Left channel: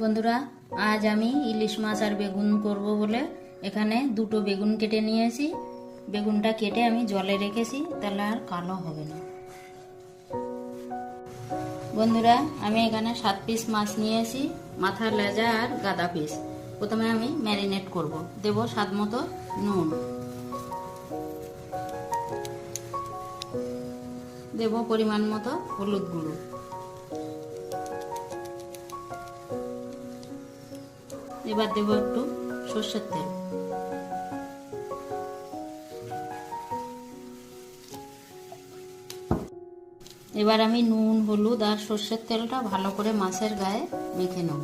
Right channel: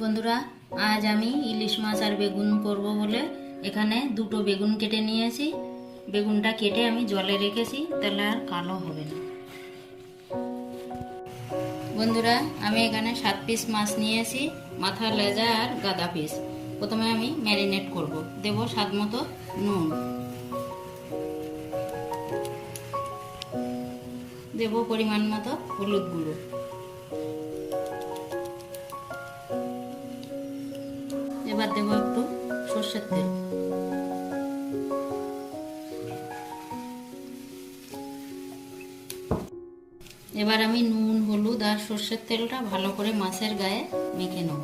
বন্ধুরা, আজ আমি ইলিশ মাছ আর বেগুন করব বলে এখানে দুটো বেগুন কেটে নিয়েছি। বেগুনটা কেটে আমি জলে রেখেছি, তাহলে আর কালো হবে না। বন্ধুরা, আমি এখানে 7 পিস মাছ নিয়েছি, মাথা, লেজা আর গাদা পিস। প্রথমে আমি ম্যারিনেট করব। দেব স্বাদ মতো নুন, দেব পরিমাণ মতো হলুদ গুঁড়ো, এবার দেব একটু সরষের তেল, এবার আমি নুন, হলুদ আর সরষের তেলটা ভালো করে মাছের গায়ে মেখে নেব।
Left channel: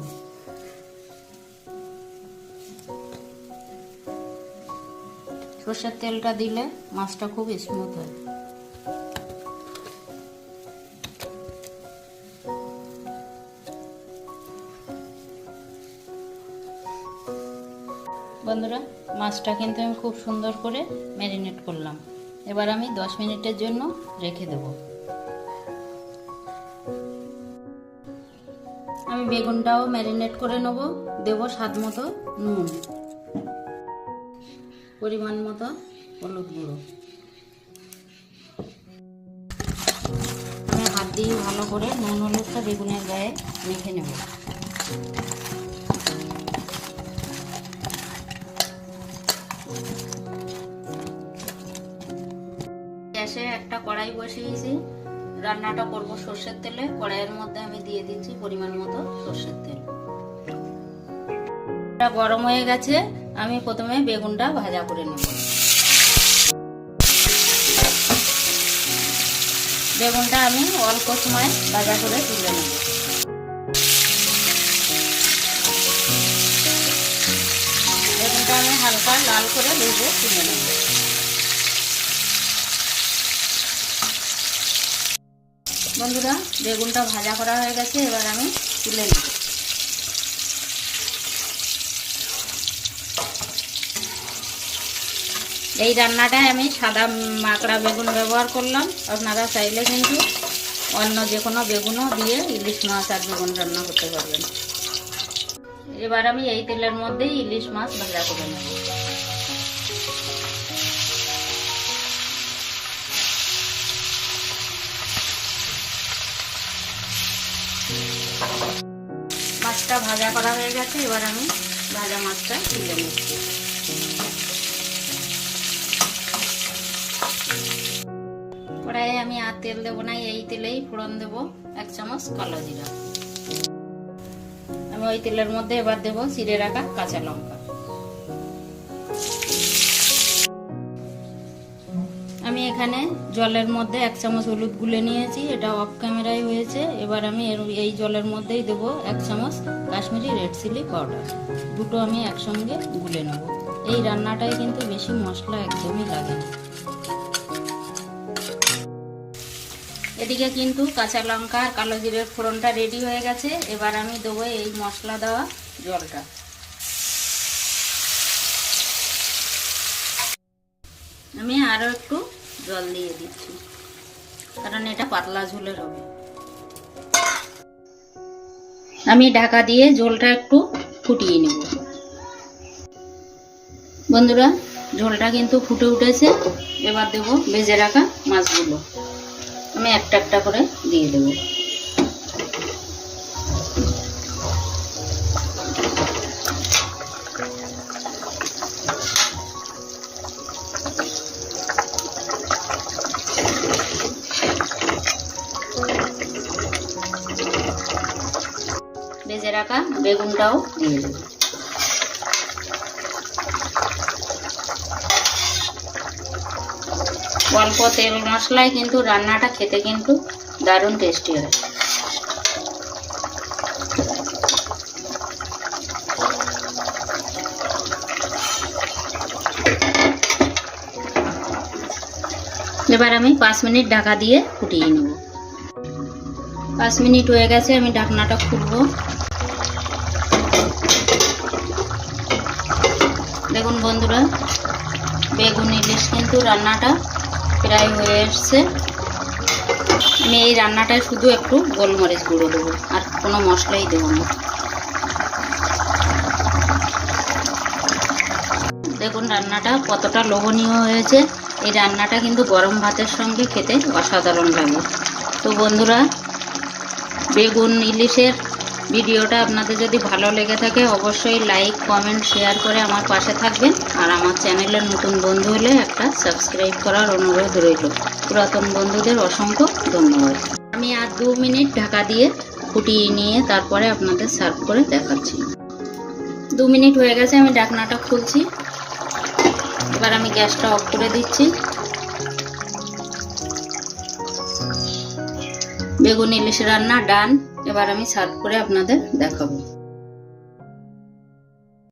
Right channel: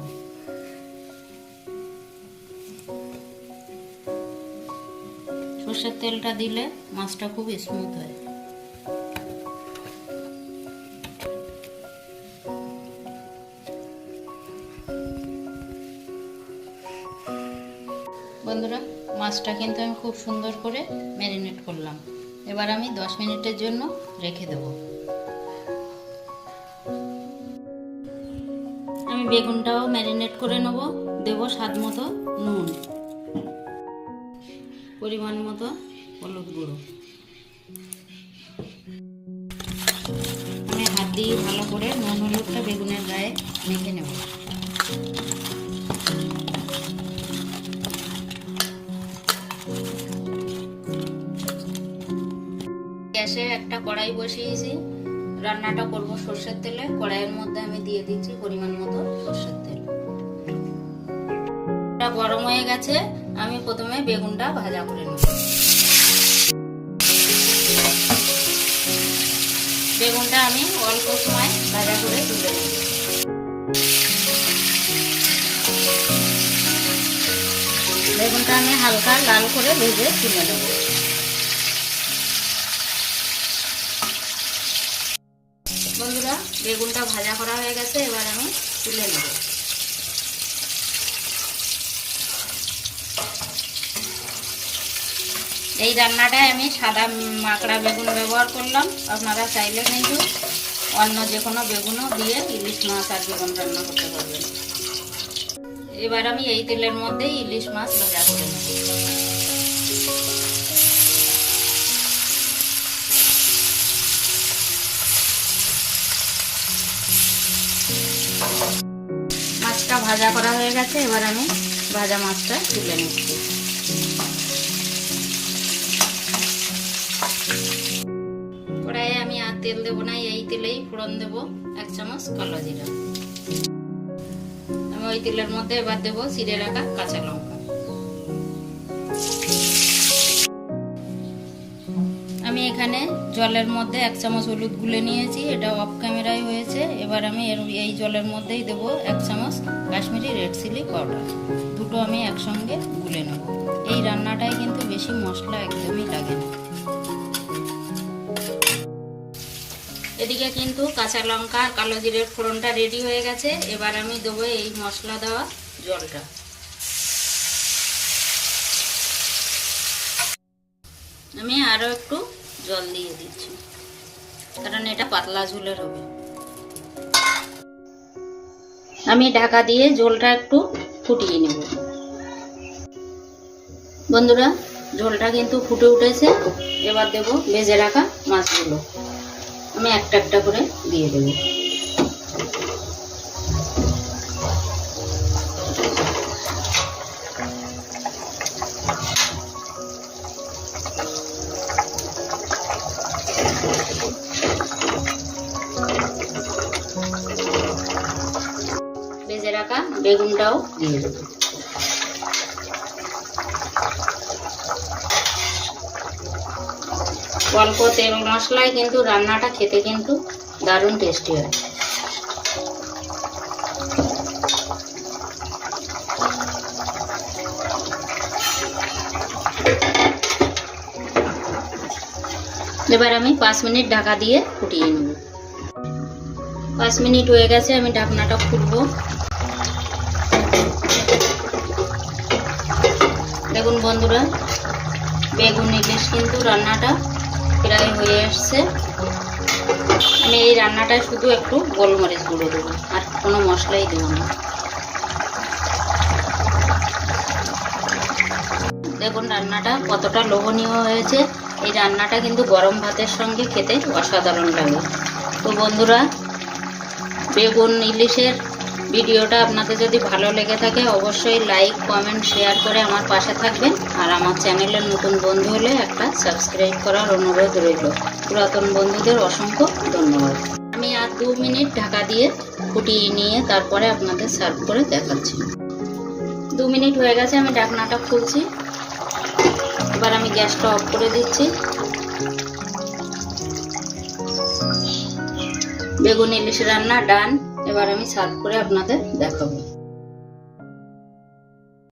সরষের তেলটা দিলে মাছটা খুব স্মুথ হয়। বন্ধুরা, মাছটা কিন্তু আমি খুব সুন্দর করে ম্যারিনেট করলাম। এবার আমি 10 মিনিটের জন্য রেখে দেব। আমি বেগুনটাও ম্যারিনেট করে নেব। দেব স্বাদ মতো নুন, পরিমাণ মতো হলুদ গুঁড়ো। আমি হাত দিয়ে ভালো করে নুন হলুদটা বেগুনের গায়ে মেখে নেব। গ্যাসে একটা কড়াই বসিয়েছি, রান্নাটা করব সরষের তেলে। কড়াইয়ের মধ্যে আমি দিয়ে দিচ্ছি পরিমাণ মতো সরষের তেল। গরম হয়ে গেছে, আমি প্রথমে বেগুনটা ভাজা করে নেব। বেগুনটা আমি অল্প সময় ভাজা করে তুলে নেব। বেগুনটা আমি হালকা লাল করে ভেজে তুলে নেব। বন্ধুরা, বেগুনটা ভাজা করা হয়ে গেছে, এবার আমি তুলে নেব। এই রান্নাটায় আমি সাদা মাকড়া বেগুন ব্যবহার করলাম। আপনারা চাইলে কিন্তু অন্য যে কোনো বেগুনও দিয়ে ইলিশ মাছ আর বেগুন রান্না করতে পারবেন। এবার আমি এই তেলের মধ্যেই ইলিশ মাছ ভাজা করে নেব। মাছটা ভাজা করা হয়ে গেছে, এবার আমি ভাজা মাছটা তুলে নিচ্ছি। কড়াইয়ে আমি আর তেল দেবো না, এই তেলেই ফোড়ন দেব 1 চামচ কালো জিরা। আমি ওই তেলের মধ্যে এবার দেব চিড়ে রাখা কাঁচা লঙ্কা। আমি এখানে জলের মধ্যে 1 চামচ হলুদ গুলে নিয়েছি, এটা অফ ক্যামেরায় হয়েছে। এবার আমি এই জলের মধ্যেই দেব 1 চামচ কাশ্মীরি রেড চিলি পাউডার। দুটো আমি একসঙ্গে গুলে নেব। এই রান্নাটায় কিন্তু বেশি মশলা একদমই লাগে না। এদিকে কিন্তু কাঁচা লঙ্কা আর কালো জিরের ফোড়নটা রেডি হয়ে গেছে। এবার আমি দেবো এই মশলা দেওয়া জলটা। আমি আরো একটু জল দিয়ে দিচ্ছি, কারণ এটা পাতলা ঝোলের হবে। আমি ঢাকা দিয়ে ঝোলটা একটু ফুটিয়ে নেব। বন্ধুরা, ঝোলটা কিন্তু ফুটে উঠেছে। এবার দেব ভেজে রাখা মাছগুলো। আমি একটা একটা করে দিয়ে দেব। ভেজে রাখা বেগুনটাও দিয়ে দেব। অল্প তেল মশলায় কিন্তু রান্নাটা খেতে কিন্তু দারুণ টেস্টি হয়। এবার আমি 5 মিনিট ঢাকা দিয়ে ফুটিয়ে নেব। 5 মিনিট হয়ে গেছে, আমি ঢাকনাটা খুলবো। দেখুন বন্ধুরা, বেগুন ইলিশ কিন্তু রান্নাটা প্রায় হয়ে আসছে। আমি এই রান্নাটায় শুধু একটু গোলমরিচ গুঁড়ো দেবো, আর কোনো মশলাই দেবো না। দেখুন রান্নাটা কতটা লোভনীয় হয়েছে। এই রান্নাটা কিন্তু গরম ভাতের সঙ্গে খেতে অসাধারণ লাগে। তো বন্ধুরা, বেগুন ইলিশের ভিডিওটা আপনাদের যদি ভালো লেগে থাকে অবশ্যই লাইক, কমেন্ট, শেয়ার করে আমার পাশে থাকবেন। আর আমার চ্যানেলের নতুন বন্ধু হলে একটা সাবস্ক্রাইব করার অনুরোধ রইল। পুরাতন বন্ধুদের অসংখ্য ধন্যবাদ। আমি আর 2 মিনিট ঢাকা দিয়ে ফুটিয়ে নিয়ে তারপরে আপনাদের সার্ভ করে দেখাচ্ছি। 2 মিনিট হয়ে গেছে, আমি ঢাকনাটা খুলছি। এবার আমি গ্যাসটা অফ করে দিচ্ছি। বেগুন ইলিশ রান্না ডান। এবার আমি সার্ভ করে আপনাদের দেখাবো।